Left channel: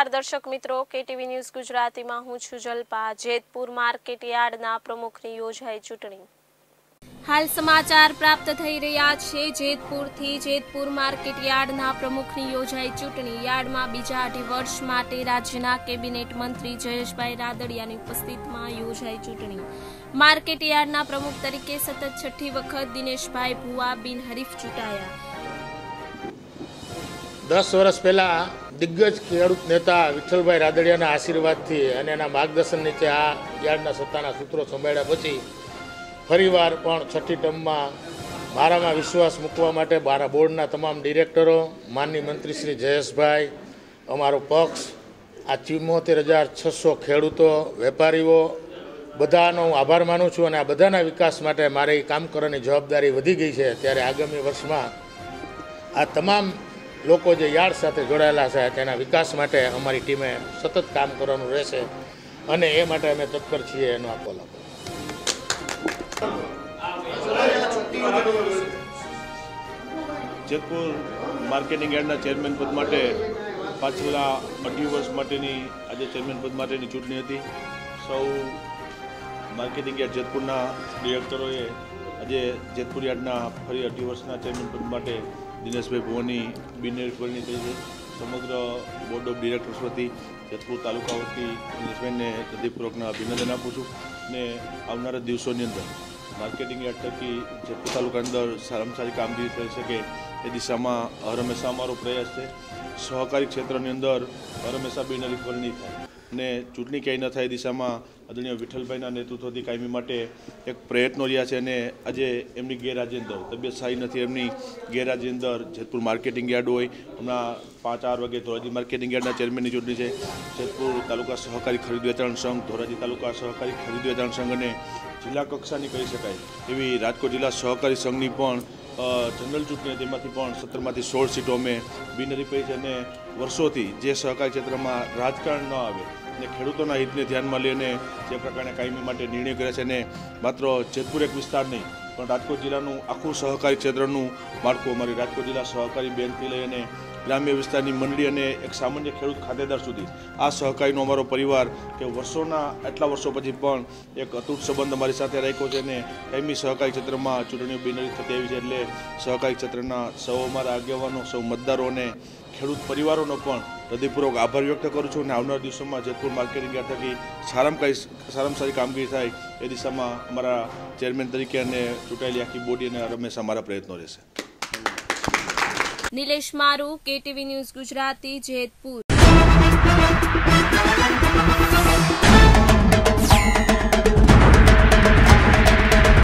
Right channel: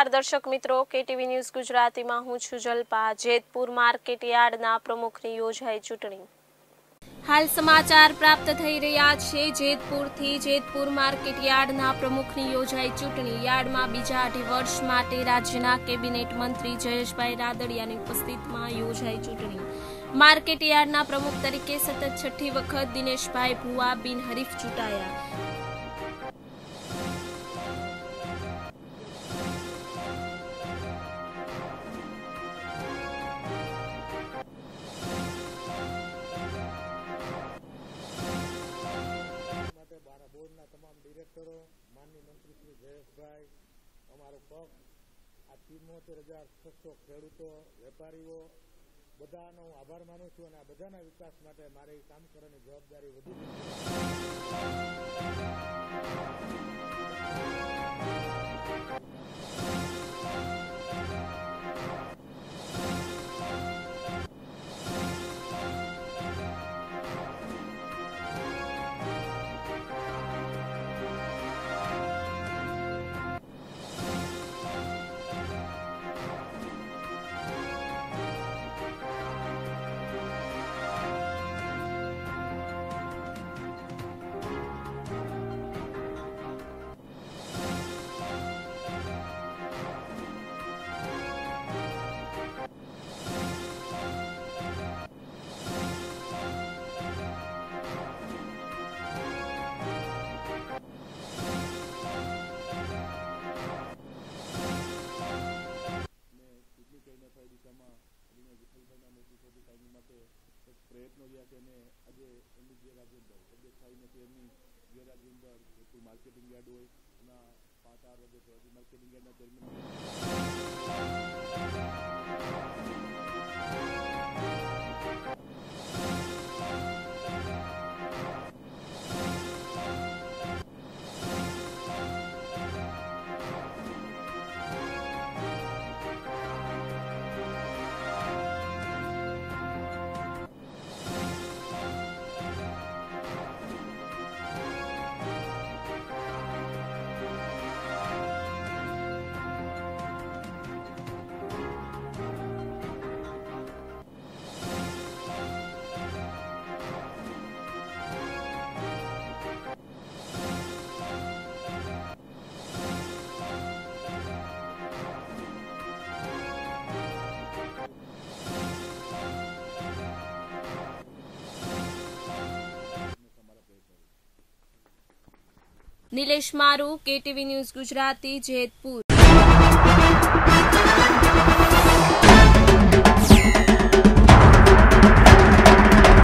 નમસ્કાર દર્શક મિત્રો, કેટીવી ન્યૂઝ ગુજરાતીમાં હું છું જલ્પા। જેતપુર માર્કેટ યાર્ડના પ્રમુખની યોજાઈ ચૂંટણી। હાલ સમાચાર પ્રાપ્ત થઈ રહ્યા છે જેતપુરથી। જેતપુર માર્કેટ યાર્ડના પ્રમુખની યોજાઈ ચૂંટણી। યાર્ડમાં બીજા 2.5 વર્ષ માટે રાજ્યના કેબિનેટ મંત્રી જયેશભાઈ રાદડિયાની ઉપસ્થિતિમાં યોજાઈ ચૂંટણી। માર્કેટ યાર્ડના પ્રમુખ તરીકે સતત 6ઠી વખત દિનેશભાઈ ભુવા બિનહરીફ ચૂંટાયા। 10 વર્ષ પહેલા દિગ્ગજ ખેડૂત નેતા વિઠ્ઠલભાઈ રાદડિયાના આશીર્વાદથી અને એના માર્ગદર્શન નીચે આ યાર્ડના સત્તાના સૂત્રો સંભાળ્યા પછી ફરીવાર પણ 6ઠી ટર્મમાં મારામાં વિશ્વાસ મૂકવા માટે મારા બોર્ડના તમામ ડિરેક્ટરો, માનનીય મંત્રી શ્રી જયેશભાઈ, અમારો પક્ષ, આ 74,600 ખેડૂતો, વેપારીઓ બધાનો હું આભાર માનું છું અને આ બધાના વિકાસ માટે મારી કામ કરવાની જવાબદારી વધી ગઈ છે। ત્યારે આગામી વર્ષમાં આ તમામ લોકો જે યાર્ડ સાથે જોડાયેલા છે તેના વિકાસ માટે અમારી ટીમે સતત કામ કરવાનું રહેશે અને એ માટે અમે તત્પર છીએ। એનો આપો જેતપુર માર્કેટિંગ યાર્ડના ચેરમેન પદ માટે પાછલા 18 વર્ષ માટેની આજે ચેરમેન પદ માટેની ચૂંટણી હતી। સૌ માર્કેટિંગ યાર્ડ જેતપુરના ડિરેક્ટરોએ આજે જેતપુર યાર્ડના ફરી 18 વર્ષના ચેરમેન પદ માટે દિનેશભાઈ ભુવાની બિનહરીફી કરી છે। સમગ્ર બોર્ડ ઓફ ડિરેક્ટર્સ વતી જેતપુર તાલુકા વતી દિનેશભાઈને હૃદયપૂર્વકના અભિનંદન આપું છું અને આવનારા દિવસોની અંદર માર્કેટિંગ યાર્ડ થકી જેતપુર તાલુકા અંદર સારામાં સારી કામગીરી થઈ શકે એ દિશામાં હંમેશા અમારો પ્રયાસ છે। સહકારી ક્ષેત્રની અંદર હંમેશા બિનહરીફી થાય અને ચૂંટણી ક્યાંય ન થાય એ દિશામાં આદરણીય વિઠ્ઠલભાઈના નેતૃત્વથી કાયમી માટે એક પ્રયત્નો રહ્યા છે અને આજે એમની ગેરહાજરી અંદર તબિયત સારી નથી, એમની ગેરહાજરી અંદર જેતપુર માર્કેટિંગ યાર્ડ હોય હમણાં 5-4 વાગે ધોરાજી માર્કેટિંગ યાર્ડના ચેરમેનની ચૂંટણી છે। જેતપુર તાલુકા સહકારી ખરીદ વેચાણ સંઘ, ધોરાજી તાલુકા સહકારી ખરીદ વેચાણ સંઘ અને જિલ્લા કક્ષાની કહી શકાય એવી રાજકોટ જિલ્લા સહકારી સંઘની પણ જનરલ ચૂંટણી હતી, એમાંથી પણ 17માંથી 16 સીટો અમે બિનહરીફી છે અને વર્ષોથી જે સહકારી ક્ષેત્રમાં રાજકારણ ન આવે અને ખેડૂતોના હિતને ધ્યાનમાં લઈને જે પ્રકારના કાયમી માટે નિર્ણય કર્યા છે અને માત્ર જેતપુર એક વિસ્તાર નહીં પણ રાજકોટ જિલ્લાનું આખું સહકારી ક્ષેત્રનું માળખું અમારી રાજકોટ જિલ્લા સહકારી બેંકથી લઈ અને ગ્રામ્ય વિસ્તારની મંડળી અને એક સામાન્ય ખેડૂત ખાતેદાર સુધી આ સહકારીનો અમારો પરિવાર કે આટલા વર્ષો પછી પણ એક અતૂટ સંબંધ અમારી સાથે રાખ્યો છે અને કાયમી સહકારી ક્ષેત્રમાં ચૂંટણીઓ બિનહરીફ થતી આવી છે। એટલે સહકારી ક્ષેત્રના સૌ અમારા આગેવાનો, સૌ મતદારો અને ખેડૂત પરિવારોનો પણ હૃદયપૂર્વક આભાર વ્યક્ત કરું છું અને આવનારા દિવસોમાં જેતપુર માર્કેટિંગ યાર્ડ થકી સારામાં સારી કામગીરી થાય એ દિશામાં અમારા ચેરમેન તરીકે અને ચૂંટાયેલી આખી બોડી અને હંમેશા અમારા પ્રયત્નો રહેશે। નિલેશ મારુ, કેટીવી ન્યૂઝ ગુજરાતી, જેતપુર।